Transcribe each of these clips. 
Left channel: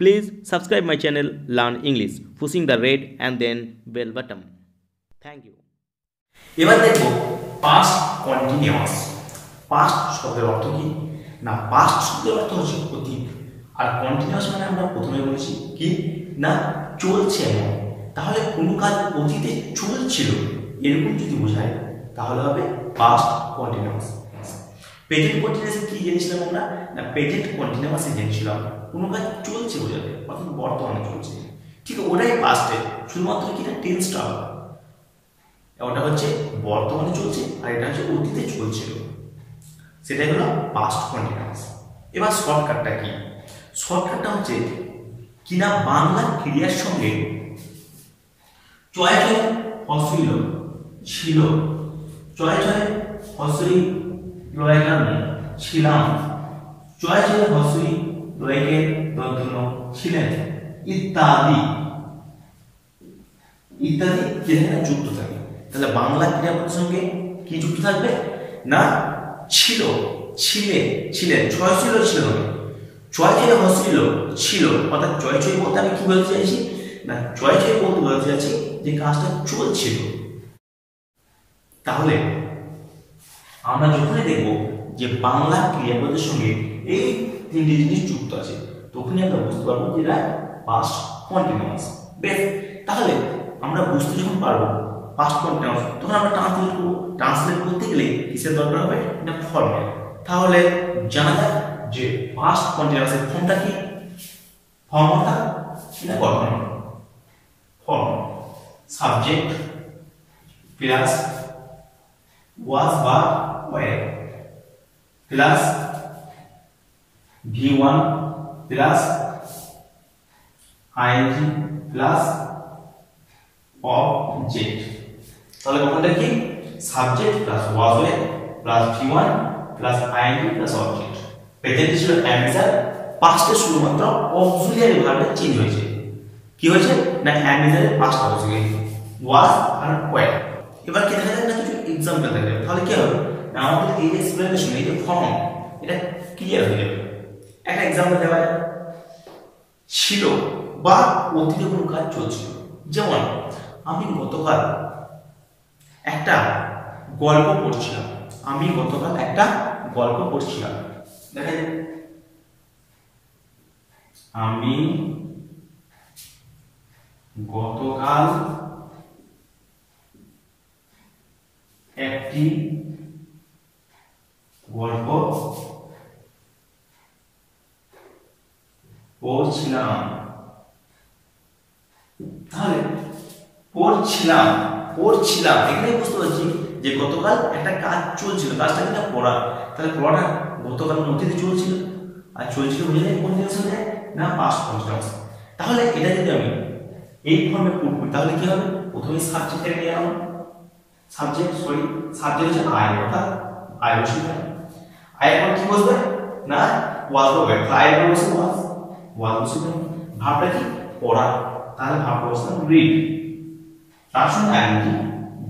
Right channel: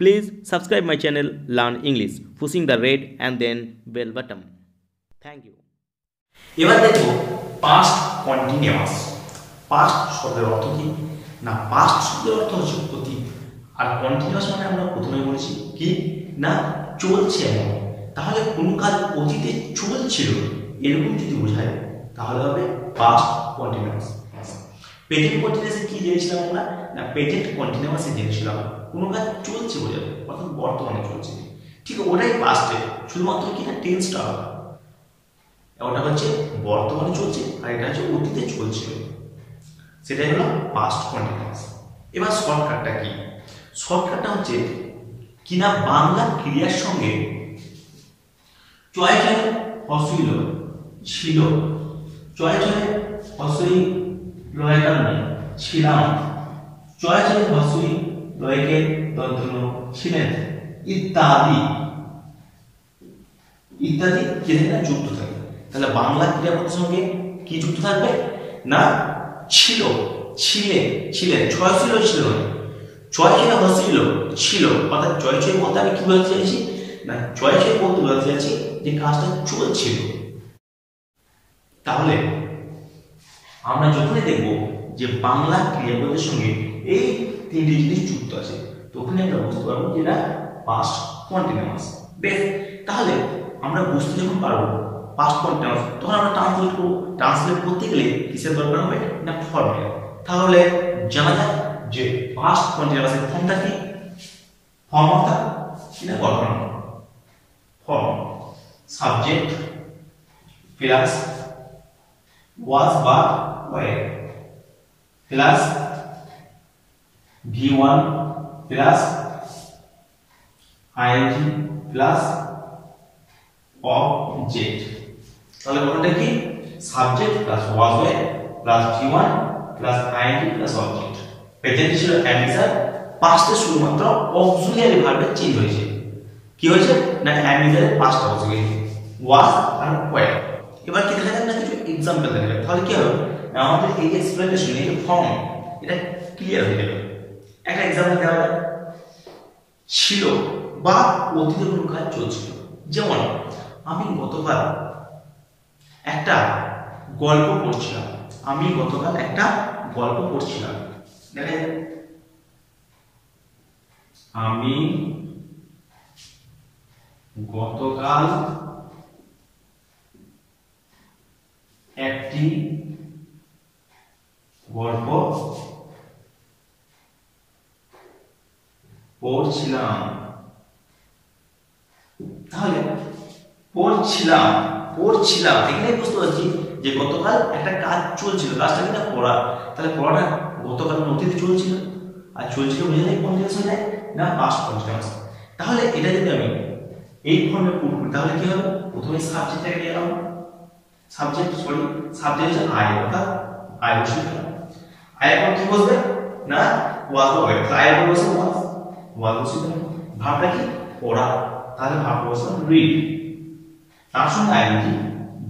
Please subscribe my channel Learn English, pushing the red and then bell button. Thank you. এবার দেখব past continuous. Past শব্দের অর্থ কি না, পাস্ট শব্দের অর্থ হচ্ছে অতীত, আর কন্টিনিউয়াস মানে আমরা প্রথমে বলেছি কি না চলছে এমন। তাহলে কোনো কাজ অতীতে চলছিল এরকম যদি বোঝায় তাহলে হবে পাস্ট কন্টিনিউয়াস। প্রেজেন্ট কন্টিনিউয়াসে কি জেনেছিলাম আমরা না, প্রেজেন্ট কন্টিনিউয়াসে জেনেছিলাম কোনো কাজ চলছে বোঝাতে, অর্থাৎ বর্তমানে চলছে, ঠিক ওটাই পাস্টে, শুধুমাত্র কি না টেন্সটা হবে, ওটা হচ্ছে বর্তমানে চলছে আর এটা হচ্ছে অতীতে চলছিল, সেটাই হলো পাস্ট কন্টিনিউয়াস। এবার শর্টকাটটা কি, শর্টকাটটা হচ্ছে কিনা বাংলা ক্রিয়ার সঙ্গে চয় চয় হসইল ছিল, চয় চয় হসই লয়ের কারণে ছিলাম, চয় চয় হসই লয়কে দন্তন্য ছিলেন, ইত্যাদি ইত্যাদি কি থাকে না যুক্ত থাকে। তাহলে বাংলা ক্রিয়াপদের সঙ্গে কি যুক্ত থাকবে না ছিল, ছিলে, ছিলেন, ছয় ছিল ছিল নয়, ছয় ছিল হসিল ছিল, অর্থাৎ ছয় ছয় বলতে আমি কি বলতে চাইছি না, ছয় ছয় বলতে বলতে চাইছি যে কাজটা চলছিল। তাহলে আমরা যখনই দেখব যে বাংলা ক্রিয়াপদের সঙ্গে এই তিনটি জিনিস যুক্ত আছে তখনই আমরা বুঝতে পারবো যে এটা পাস্ট কন্টিনিউয়াস। বেশ, তাহলে আমরা বুঝতে যখন পারবো পাস্ট কন্টিনিউয়াস তখন আমরা ট্রান্সলেট করব। ট্রান্সলেট করতে গেলে কিসের দরকার হবে না ফর্মের। তাহলে জানা যায় যে পাস্ট কন্টিনিউয়াসের ফর্মটা কি, ফর্ম অর্থাৎ কি না গঠন, ফর্ম সাবজেক্ট প্লাস ওয়াজ বা were plus V1 plus ING plus object. তাহলে গঠনটা কি subject plus was were plus V1 plus ING plus object. প্রেজেন্টে ছিল অ্যামিজার, পাস্টে শুধুমাত্র অক্সিলিয়ারি ভার্বে চেঞ্জ হয়েছে। কি হয়েছে না অ্যামিজারের পাস্ট অক্সিলিয়ারি ওয়াজ আর ওয়ে। এবার কি দেখা যাক না কিছু एग्जांपल দেখা যাক, তাহলে কি হবে না আমাদের এই এক্সপ্লেনেশন এই যে ফর্ম এটা ক্লিয়ার হয়ে যাবে। একটা एग्जांपल দেওয়া যায়, ছিল বা অতীতে কোনো কাজ চলছিল, যেমন আমি গতকাল একটা গল্প পড়ছিলাম, আমি গতকাল একটা গল্প পড়ছিলাম, দেখা যায় আমি গতকাল একটি গল্প পড়ছিলাম। তাহলে পড়ছিলাম পড়ছিলাম এখানে বুঝতে পারছি যে গতকাল একটা কাজ চলছিল, কাজটা কিনা পড়া, তাহলে পড়াটা গতকাল অতীতে চলছিল, আর চলছিল বুঝে কন্টিনিউয়াস হয় না পাস্ট কন্টিনিউয়াস। তাহলে এটা যদি আমি এই ফর্মে পুট করি তাহলে কি হবে, প্রথমে সাবজেক্টটাকে নিয়ে নাও, সাবজেক্ট হচ্ছে আই, অর্থাৎ আই বসিয়ে আই এর পর কি বসবে না ওয়াজ বা ওয়ে, আই এর পর বসবে ওয়াজ বসিয়ে ভাবটা কি পড়া, তাহলে ভাবটা বসবে রিড, তার সঙ্গে আইএনজি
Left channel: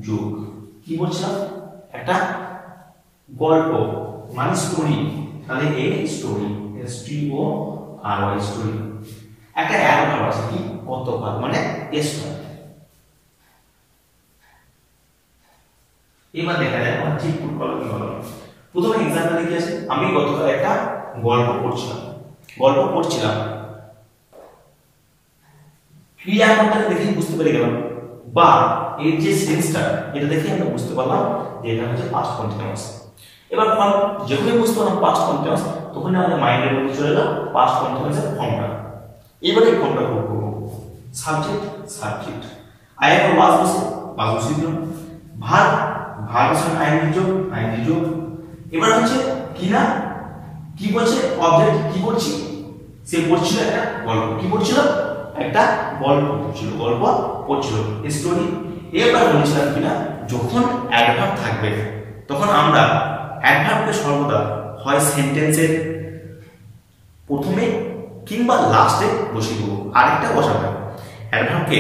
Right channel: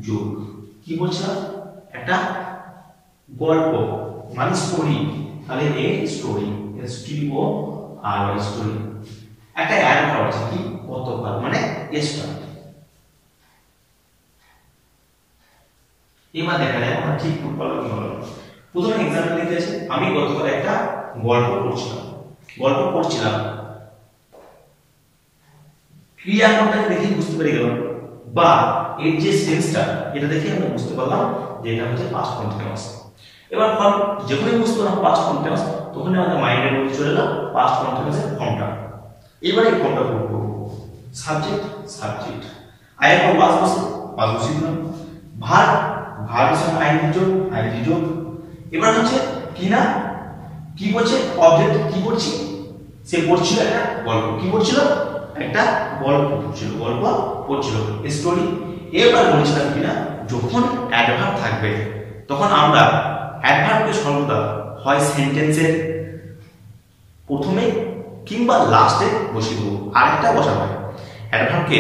যোগ। কি বলছিলাম একটা গল্প মানে স্টোরি, তাহলে এ স্টোরি STORY স্টোরি। একটা অ্যাডভার্ব আছে কি গতকাল মানে yesterday। এবার দেখা যায় আমরা ঠিক পুট করলাম কি হলো। প্রথমে एग्जांपल লিখে আছে, আমি গতকাল একটা গল্প পড়ছিলাম, ক্রিয়াপদটাকে দেখেই বুঝতে পেরে গেলাম, বা এর যে সেন্সটা এটা দেখে আমরা বুঝতে পারলাম যে এটা হচ্ছে পাস্ট কন্টিনিউয়াস। এবার ফর্ম যখনই বুঝতে পারলাম পাস্ট কন্টিনিউয়াস তখন আমাদের মাইন্ডের মধ্যে চলে এলো পাস্ট কন্টিনিউয়াসের ফর্মটা। এবারে এই ফর্মটা করব সাবজেক্ট আই এর পর ওয়াজ বসিয়ে দিলাম, ভার্বের সঙ্গে আইএনজি যোগ। এবার হচ্ছে কি না কি বলছে অবজেক্ট কি করছি, সে পড়ছিল একটা গল্প, কি পড়ছিল একটা গল্প পড়ছিল স্টোরি। এবার বলেছিলাম কিনা যখন অ্যাডভার্ব থাকবে তখন আমরা অ্যাডভার্বকে সর্বদা হয় সেন্টেন্সের প্রথমে কিংবা লাস্টে বসিয়ে দেবো, আরেকটা বসানো হয় অ্যাডভার্বকে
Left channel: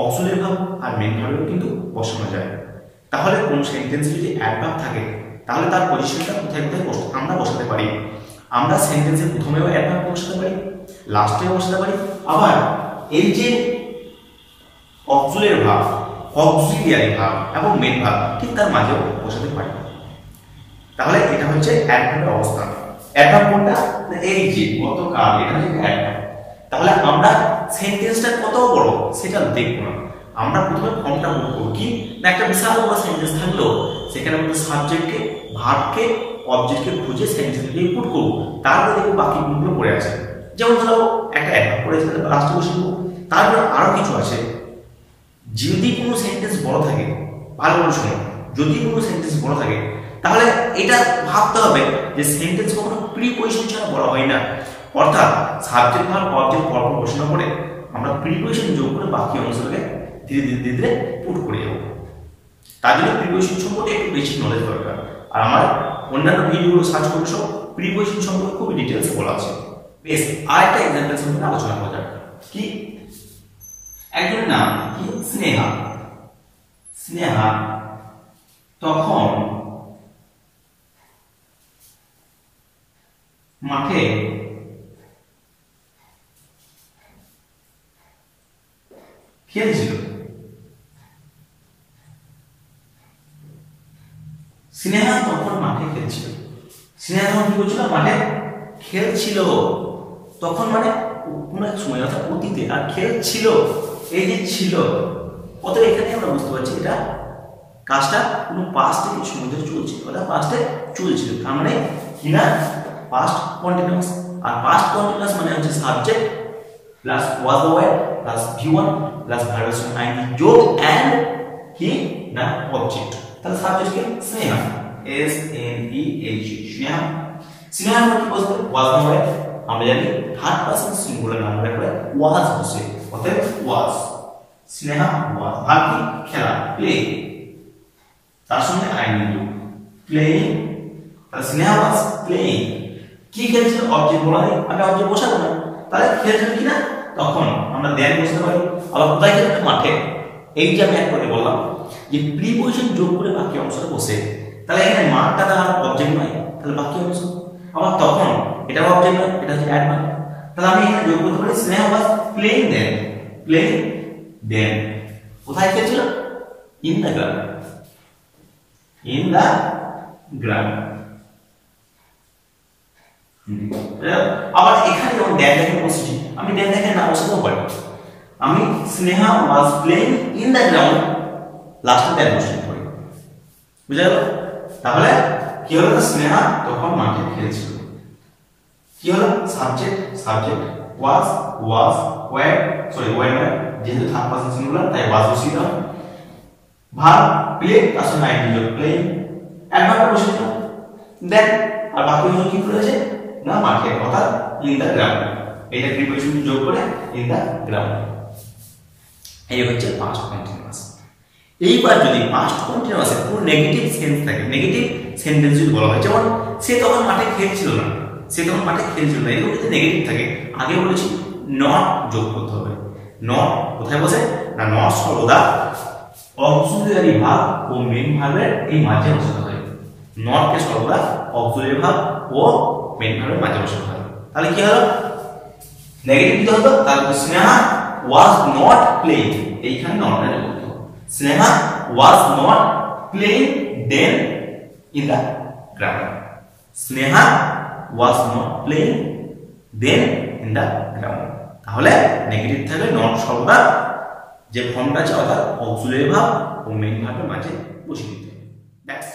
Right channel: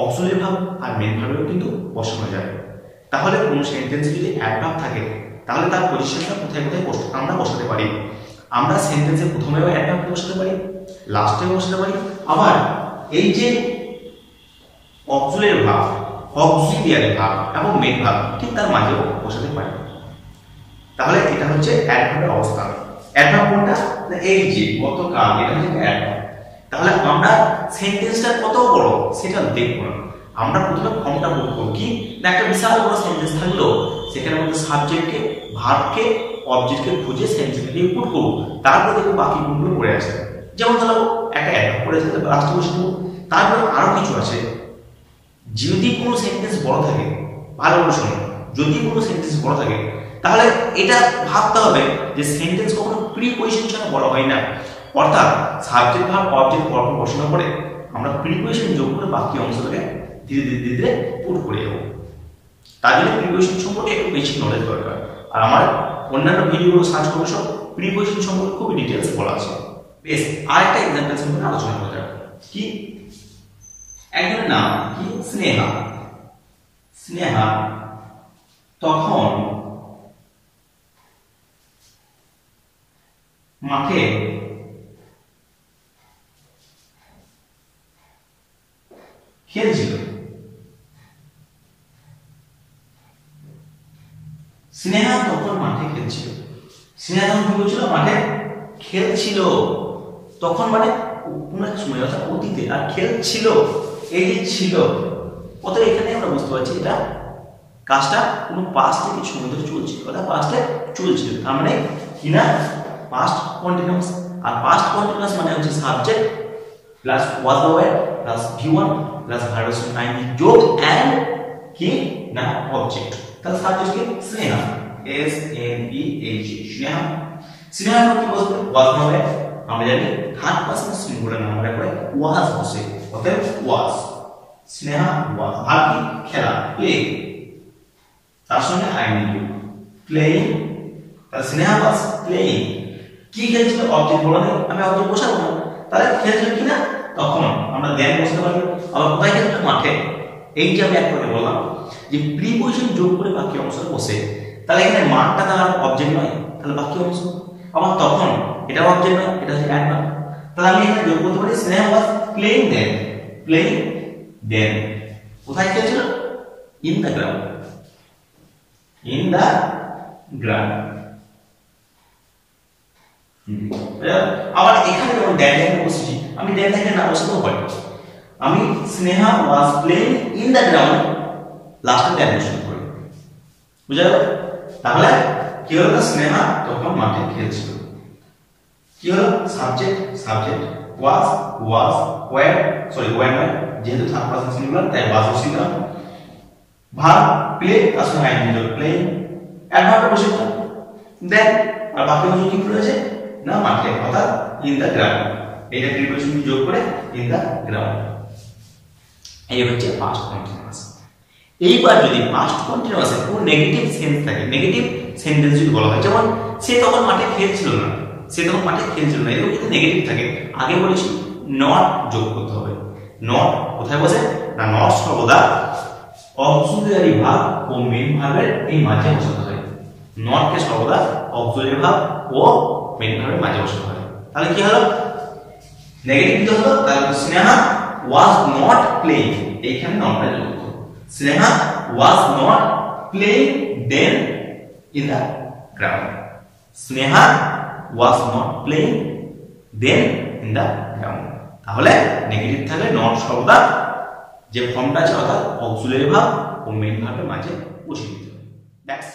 অক্সিলিয়ারি ভার্ব আর মেইন ভার্বেও কিন্তু বসানো যায়। তাহলে কোন সেন্টেন্সে যদি অ্যাডভার্ব থাকে তাহলে তার পজিশনটা কোথায় কোথায় আমরা বসাতে পারি। আমরা সেন্টেন্সের প্রথমেও অ্যাডভার্ব বসাতে পারি, লাস্টেও বসাতে পারি, আবার এই যে অক্সিলারি ভার্ব, অক্সিলিয়ারি ভার্ব এবং মেইন ভার্ব ঠিক তার মাঝেও বসাতে পারি। তাহলে এটা হচ্ছে অ্যাডভার্বের অবস্থান। অ্যাডভার্ব কোনটা? এই যে গতকাল, এটা হচ্ছে অ্যাডভার্ব। তাহলে আমরা সেন্টেন্সটা কত বড় সেটা দেখব না, আমরা প্রথমে ফর্মটা বুক করব কি না একটা বিশাল বড় সেন্টেন্স থাকলো সেখানে মধ্যে সাবজেক্টকে, ভার্বকে, অবজেক্টকে খুঁজে সেন্টেন্সে ইনপুট করব, তারপর দেখব বাকি গুণগুলো পড়ে আছে। যেমন ধরো একটা অ্যাডভার্ব পড়েছে, লাস্টে বসে দেবো। তারপর আরো কিছু আছে, যদি কোনো সেন্টেন্স বড় থাকে, ভালো করে শোনো, যদি কোনো সেন্টেন্স বড় থাকে তাহলে এটা ভাবতে হবে যে সেন্টেন্স কখনো প্রিপজিশন ছাড়া বড় হয় না। অর্থাৎ সাবজেক্ট ভার্ব অবজেক্ট পরপর বসানোর পরে আমরা প্রিপজিশন যোগ করে বাকি অংশটাকে ধীরে ধীরে ধীরে ধীরে পুট করে যাবো। তার জন্য প্রিপজিশন সম্পর্কে একটু বেসিক নলেজ দরকার। আর আমার অন্যান্য ভিডিওগুলো সার্চ করবে সব প্রিপজিশন সম্পর্কে খুবই ডিটেলসে বলা আছে। বেশ, আরেকটা এক্সাম্পল সম্পর্কে আলোচনা করা যাক। কি? একজনের নাম কি? স্নেহা। স্নেহা তখন মাঠে খেলছিল। স্নেহা তখন মাঠে খেলছিল। স্নেহা তখন কি করছিল? মাঠে খেলছিল। তখন মানে কোনো এক সময়, অর্থাৎ অতীতে, আর খেলছিল এই যে ছিল, অতএব এখানে আমরা বুঝতে পারছি এটা কাজটা কোনো পাস্ট থেকে সময় ধরে চলছিল, অর্থাৎ পাস্টে চলছিল। তার মানে কি না? Past continuous. আর পাস্ট কন্টিনিউয়াস মানে হচ্ছে subject plus was the were plus ভি1 প্লাস ভার্বের সঙ্গে আইএনজি যোগ এন্ড কি না অবজেক্ট। তাহলে সাবজেক্ট কি? Sneha, S N E H, Sneha. Sneha কি বলতে? Was the war. আমরা জানি থার্ড পারসন সিঙ্গুলার নাম্বারে পরে ওয়াজ বসে, অতএব ওয়াজ। স্নেহা ওয়াজ। আর কি? খেলা, প্লে, তার সঙ্গে আইএনজি প্লেইং। তাহলে স্নেহা ওয়াজ প্লেইং। কি খেলছিল? অবজেক্ট বলা নেই, আমি অবজেক্ট বসাবো না। তাহলে খেলছিল কি না? তখন আমরা দেন বসতে পারি। আবার কোথায় খেলছিল? মাঠে। এই যে আমি একটু আগে বললাম যে প্রিপজিশন যোগ করে বাকি অংশটা বসে, তাহলে এখানে মাঠটা তার অবজেক্ট নয়, তাহলে বাকি অংশ। আবার তখন এটাও অবজেক্ট নয়, এটা হচ্ছে অ্যাডভার্ব। তাহলে আমি এখানে যোগ করতে পারি Sneha was playing then. Playing then কোথায় খেলছিল? In the ground. In the ground. আবার এখানে যেমন ড্যান ড্যান বসেছি, আমি ড্যান ড্যান না বসাতেও পারি। আমি Sneha was playing in the ground, লাস্টে ড্যান বসিয়ে পারি। বুঝা গেল? তাহলে কি হলো? স্নেহা তখন মাঠে খেলছিল। কি হলো? সাবজেক্ট সাবজেক্ট, ওয়াজ ওয়াজ, ওয়্যার সরি ওয়্যার, যেহেতু থার্ড পারসন সিঙ্গুলার তাই ওয়াজ বসিলাম। ভার্ব প্লে, তার সঙ্গে আইএনজি যোগ প্লেইং, অ্যাডভার্ব বসিলাম। দেন আর বাকি অংশ কি রয়েছে না মাঠে, অর্থাৎ ইন দ্য গ্রাউন্ড। এইটা প্রিপজিশন যোগ করে ইন দ্য গ্রাউন্ড। এই হচ্ছে পাস্ট কন্টিনিউয়াস। এইবার যদি পাস্ট কন্টিনিউয়াসের কোনো নেগেটিভ সেন্স থাকে, নেগেটিভ সেন্টেন্স যদি বলা হয়, যেমন সে তখন মাঠে খেলছিল না, সে তখন মাঠে খেলছিল না, এরকম যদি নেগেটিভ থাকে, আগে বলেছি নট যোগ করতে হবে। নট কোথায় বসে না? নট সর্বদা অক্সিলিয়ারি ভার্ব ও মেইন ভার্বের এই মাঝে বসাতে হয়। নটকে সর্বদা অক্সিলিয়ারি ভার্ব ও মেইন ভার্বের মাঝে বসাতে হয়। তাহলে কি হলো? নেগেটিভ কি হতো? তাহলে স্নেহা ওয়াজ নট প্লেইং, এইখানে নটটা যোগ হতো। Sneha was not playing then in the ground. Sneha was not playing then in the ground. তাহলে নেগেটিভ থাকলে নট সর্বদা যে ফর্মটা আছে অর্থাৎ অক্সিলিয়ারি ভার্ব ও মেইন ভার্বের মাঝে বসিয়ে দিতে হবে। দ্যাটস